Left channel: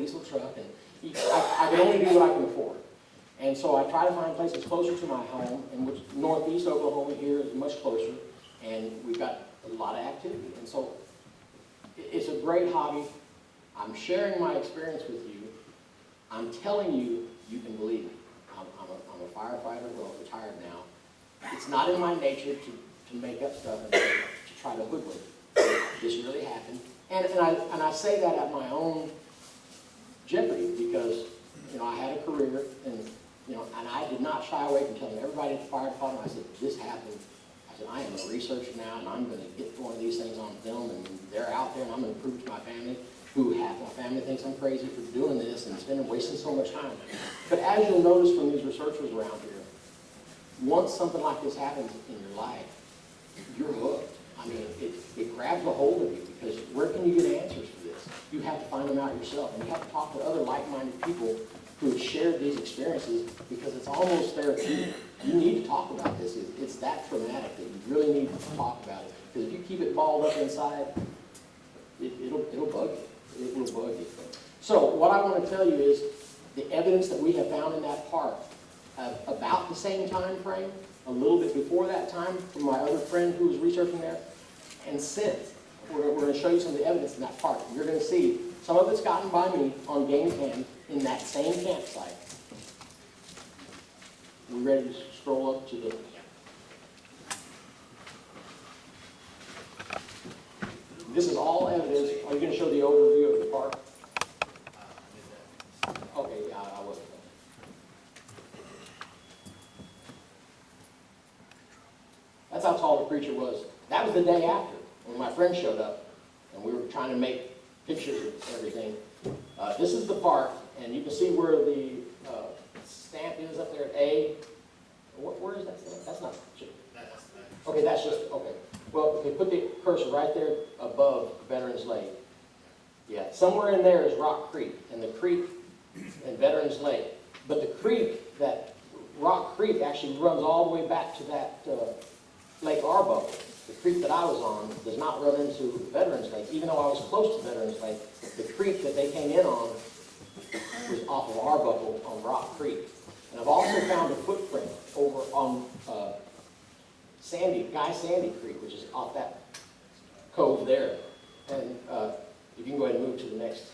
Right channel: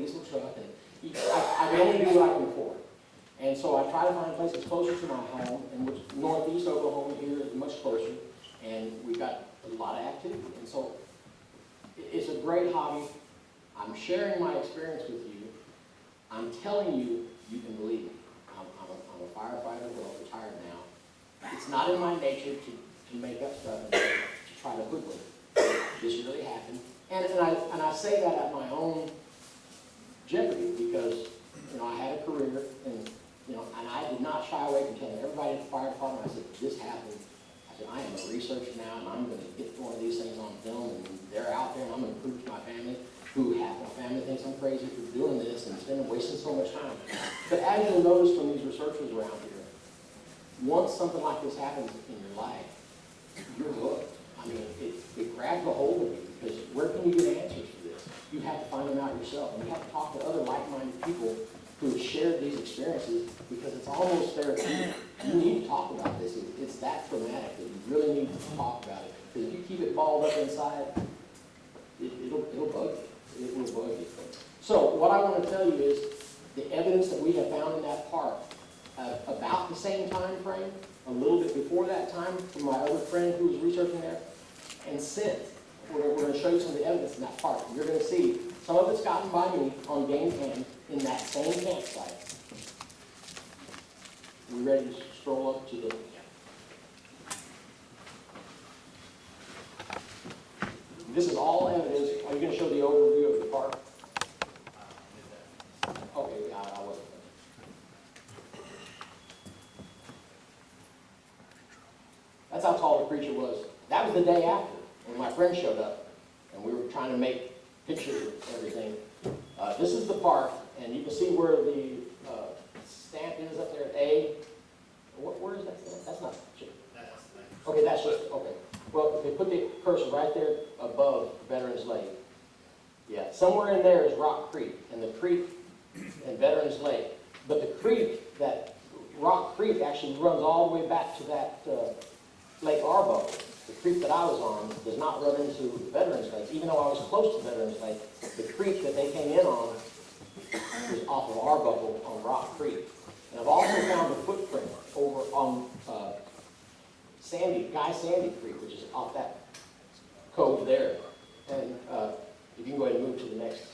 diesel truck, and I can only do what I can afford. And so I try to find places closer to my home, and which northeast Oklahoma here is much closer, and we've got a lot of activity. And so it's a great hobby. I'm sharing my experience with you. I'm telling you, you can believe me. I'm a firefighter, well, retired now. It's not in my nature to make up stuff and to try to hoodwink. This really happened. And I say that at my own jeopardy because, I had a career and I did not shy away from telling everybody at the fire department. I said, this happened. I said, I am a researcher now and I'm going to get one of these things on film and they're out there and I'm going to prove to my family, who half my family thinks I'm crazy for doing this and wasting so much time. But as you'll notice from these researchers around here, once something like this happens in your life, you're hooked. I mean, it grabs a hold of you because where can you get answers for this? You have to find them out yourself, and you have to talk to other like-minded people who have shared these experiences because it's almost therapeutic. You need to talk about this. It's that traumatic that you really need to talk about it. Because if you keep it balled up inside, it'll bug you. It will bug you. So what I want to tell you is the evidence that we have found in that park about the same time frame, a little bit before that time from my other friend who was researching there, and since. We're going to show you some of the evidence in that park. You're going to see some of it's gotten by me on game cam in that same campsite. We ready to stroll up to the... This is all evidence. Are you going to show the overview of the park? Okay, yeah, I wasn't. That's how tall the creature was. That was the day after, when my friend showed up, and we were trying to make pictures of everything. This is the park, and you can see where the stamp is up there at A. Where is that stamp? That's not... Okay, that's just... Okay. Well, okay, put the cursor right there above Veterans Lake. Yeah, somewhere in there is Rock Creek, and the creek and Veterans Lake. But the creek, that Rock Creek, actually runs all the way back to that Lake Arbuckle. The creek that I was on does not run into Veterans Lake. Even though I was close to Veterans Lake, the creek that they came in on was off of Arbuckle on Rock Creek. And I've also found a footprint over on Guy Sandy Creek, which is off that cove there. And if you can go ahead and move to the next.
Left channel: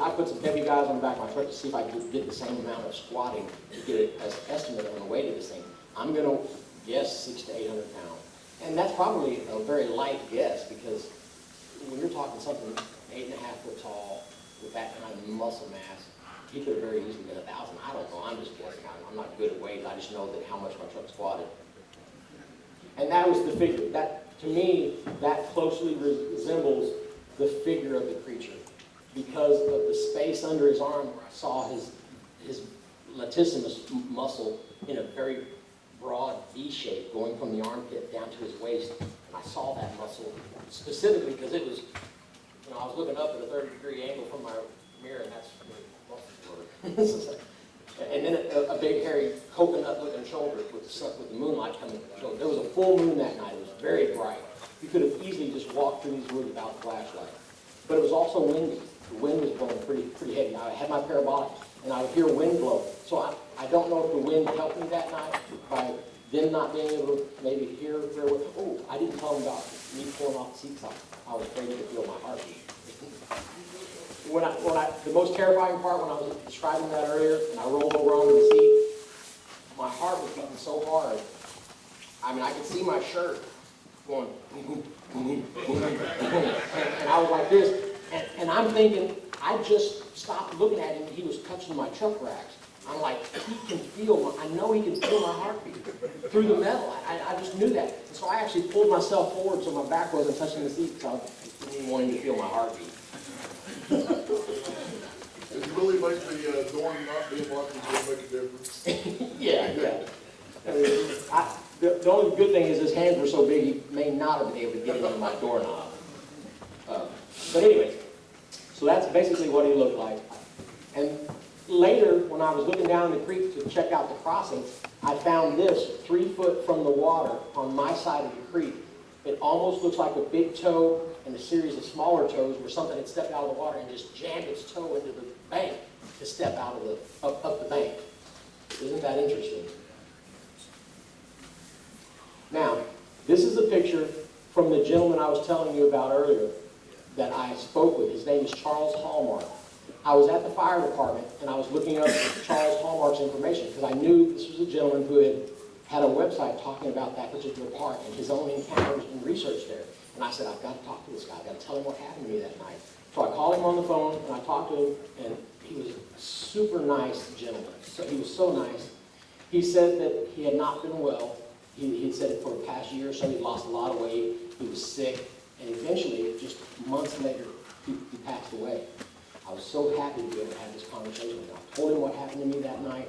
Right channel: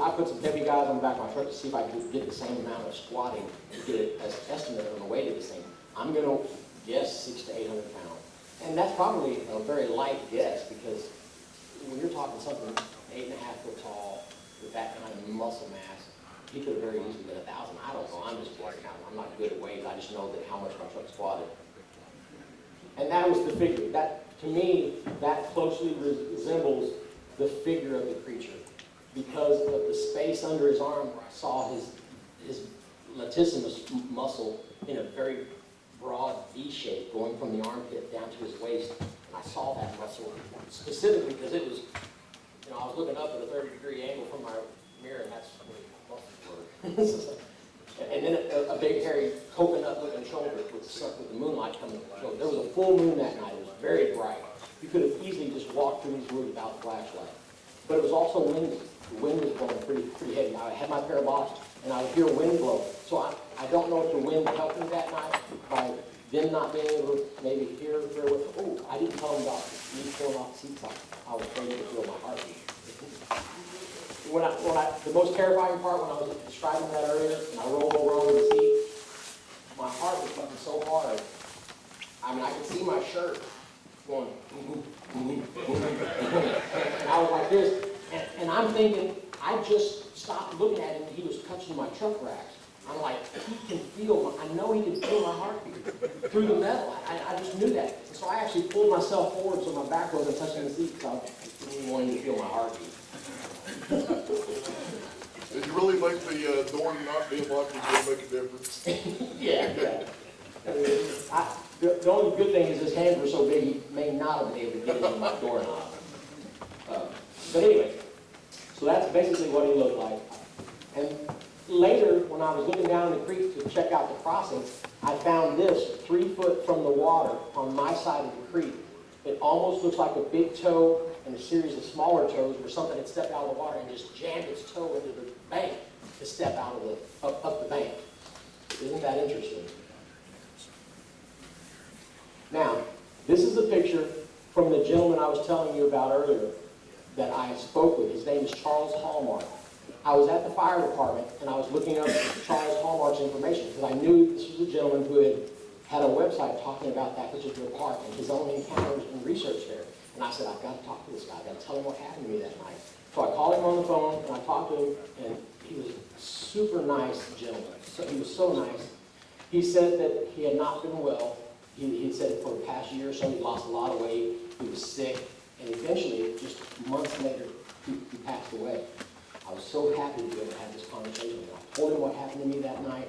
I put some heavy guys on the back of my truck to see if I could get the same amount of squatting to get an estimate on the weight of this thing. I'm going to guess 600 to 800 pounds. And that's probably a very light guess because when you're talking something 8.5 foot tall with that kind of muscle mass, he could have very easily been 1,000. I don't know. I'm just guessing. I'm not good at weight. I just know that how much my truck squatted. And that was the figure. That, to me, that closely resembles the figure of the creature. Because of the space under his arm where I saw his latissimus muscle in a very broad V shape going from the armpit down to his waist. And I saw that muscle specifically because it was, I was looking up at a 30-degree angle from my mirror and that's where the muscles were. And then a big hairy coconut-looking shoulder with the moonlight coming from the shoulder. There was a full moon that night. It was very bright. You could have easily just walked through these woods without a flashlight. But it was also windy. The wind was blowing pretty heavy. I had my parabolics, and I would hear wind blow. So I don't know if the wind helped me that night by them not being able to maybe hear very well. Oh, I didn't tell them about me pulling off the seat top. I was afraid they could feel my heartbeat. The most terrifying part when I was describing that earlier, and I rolled over onto the seat, my heart was beating so hard. I mean, I could see my shirt going, and I was like this. And I'm thinking, I just stopped looking at him and he was touching my truck racks. I'm like, I know he can feel my heartbeat through the metal. I just knew that. And so I actually pulled myself forward so my back wasn't touching the seat because I didn't want him to feel my heartbeat. It really makes the door not being locked and make a difference. Yeah. The only good thing is his hands were so big he may not have been able to get into my doorknob. But anyway, so that's basically what he looked like. And later, when I was looking down the creek to check out the crossing, I found this 3 foot from the water on my side of the creek. It almost looks like a big toe and a series of smaller toes where something had stepped out of the water and just jammed its toe into the bank to step out of the up the bank. Isn't that interesting? Now, this is a picture from the gentleman I was telling you about earlier that I spoke with. His name is Charles Hallmark. I was at the fire department and I was looking up Charles Hallmark's information because I knew this was a gentleman who had a website talking about that particular park and his own encounters and research there. And I said, I've got to talk to this guy. I've got to tell him what happened to me that night. So I called him on the phone and I talked to him, and he was a super nice gentleman. So he was so nice. He said that he had not been well. He said it for the past year or so. He lost a lot of weight. He was sick. And eventually, just months later, he passed away. I was so happy to be able to have this conversation with him. I told him what happened to me that night.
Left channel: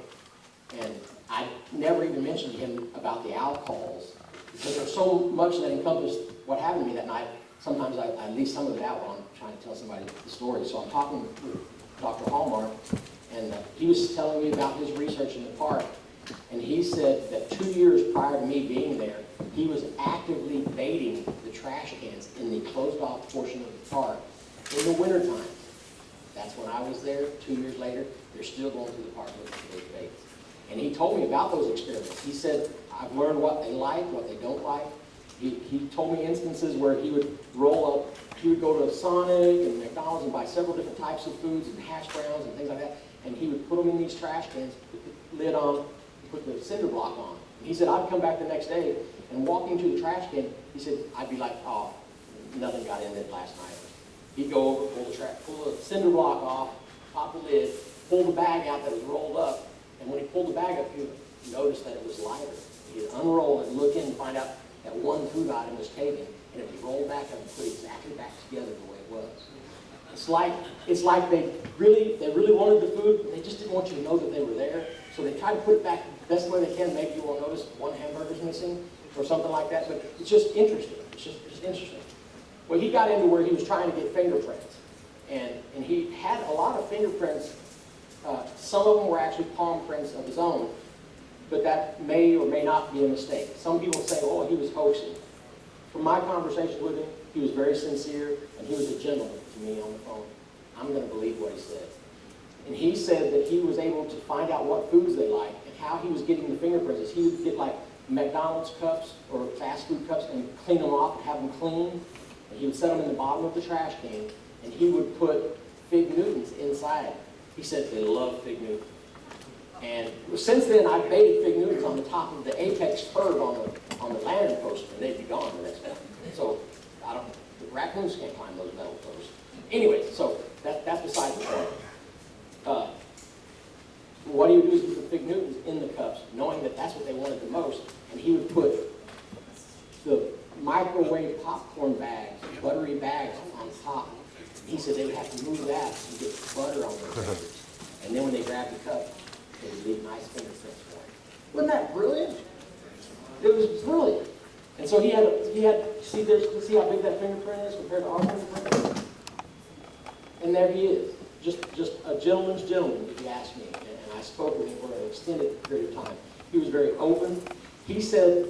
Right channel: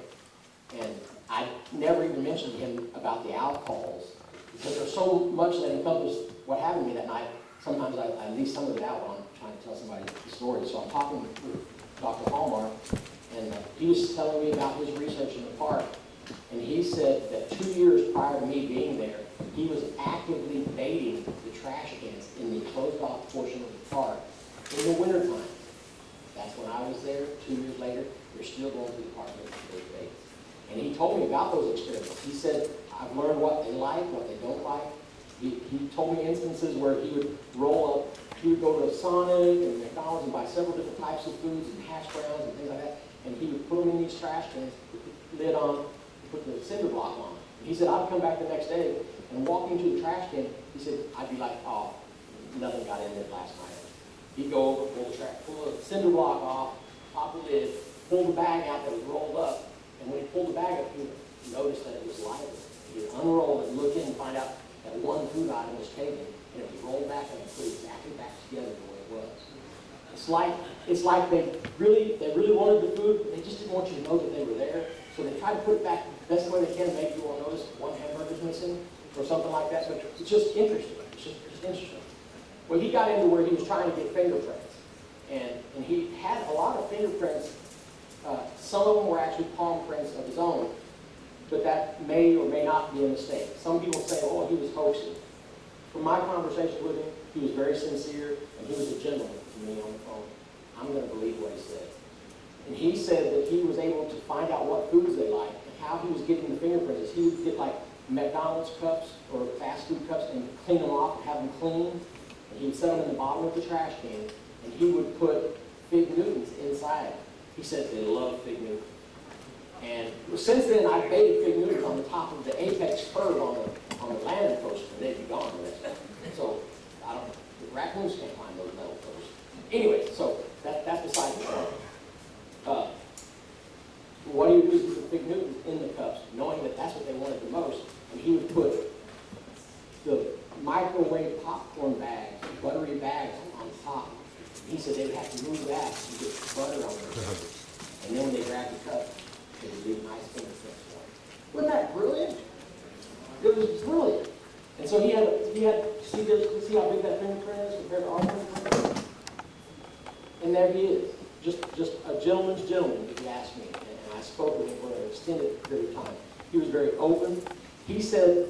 And I never even mentioned to him about the alcohols, because there's so much that encompassed what happened to me that night. Sometimes I leave some of it out when I'm trying to tell somebody the story. So I'm talking with Dr. Hallmark, and he was telling me about his research in the park. And he said that 2 years prior to me being there, he was actively baiting the trash cans in the closed-off portion of the park in the wintertime. That's when I was there. 2 years later, they're still going through the park looking for those baits. And he told me about those experiments. He said, I've learned what they like, what they don't like. He told me instances where he would roll up, he would go to Sonic and McDonald's and buy several different types of foods and hash browns and things like that, and he would put them in these trash cans, put the lid on, put the cinder block on. And he said, I'd come back the next day and walk into the trash can, he said, I'd be like, oh, nothing got in it last night. He'd go over, pull the cinder block off, pop the lid, pull the bag out that was rolled up, and when he pulled the bag up, he noticed that it was lighter. He'd unroll it and look in and find out that one food item was taken, and it was rolled back up and put exactly back together the way it was. It's like they really wanted the food, but they just didn't want you to know that they were there. So they tried to put it back the best way they can. Maybe you won't notice one hamburger's missing or something like that. But it's just interesting. It's just interesting. Well, he got into where he was trying to get fingerprints, and he had a lot of fingerprints. Some of them were actually palm prints of his own, but that may or may not be a mistake. Some people say, oh, he was hoaxing. From my conversation with him, he was very sincere, and he was a gentleman to me on the phone. I'm going to believe what he said. And he said that he was able to find out what foods they like and how he was getting the fingerprints. He would get like McDonald's cups or fast food cups and clean them off and have them clean. And he would set them in the bottom of the trash can, and he would put Fig Newtons inside. He said they love Fig Newtons. And since then, I've baited Fig Newtons on the top of the apex curve on the landing post, and they'd be gone the next day. So the raccoons can't climb those metal posts. Anyway, so that's beside the point. What he would do is put Fig Newtons in the cups, knowing that that's what they wanted the most, and he would put the microwave popcorn bags, buttery bags on top. He said they would have to move that to get the butter on their fingers. And then when they grabbed the cup, they would leave nice fingerprints for it. Wasn't that brilliant? It was brilliant. And so he had see how big that fingerprint is compared to our fingerprint? And there he is. Just a gentleman's gentleman, if you ask me. And I spoke with him for an extended period of time. He was very open. He said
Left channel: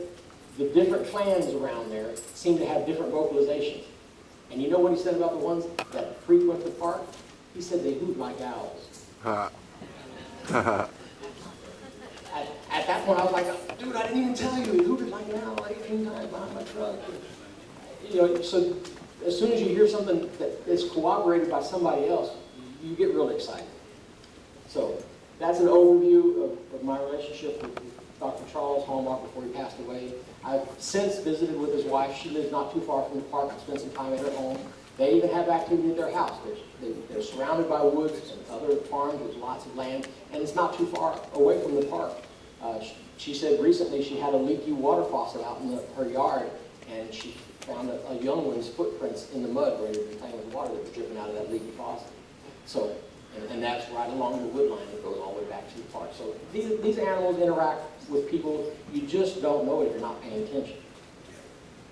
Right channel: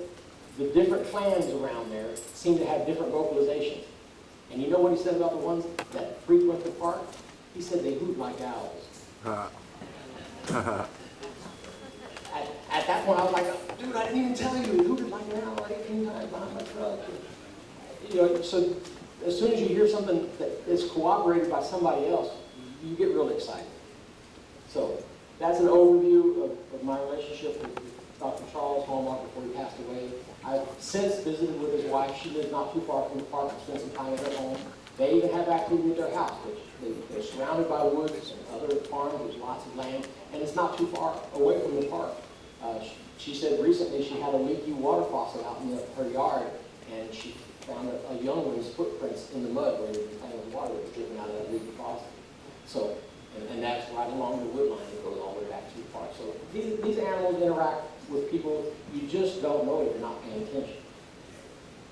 the different clans around there seem to have different vocalizations. And you know what he said about the ones that frequent the park? He said they hoot like owls. At that point, I was like, dude, I didn't even tell you. He hooted like an owl 18 times behind my truck. You know, so as soon as you hear something that is corroborated by somebody else, you get really excited. So that's an overview of my relationship with Dr. Charles Hallmark before he passed away. I've since visited with his wife. She lives not too far from the park. I spent some time at her home. They even have activity at their house. They're surrounded by woods and other farms. There's lots of land, and it's not too far away from the park. She said recently she had a leaky water faucet out in her yard, and she found a young one's footprints in the mud where they'd been playing with water that was dripping out of that leaky faucet. So, and that's right along the wood line that goes all the way back to the park. So these animals interact with people, you just don't know it if you're not paying attention.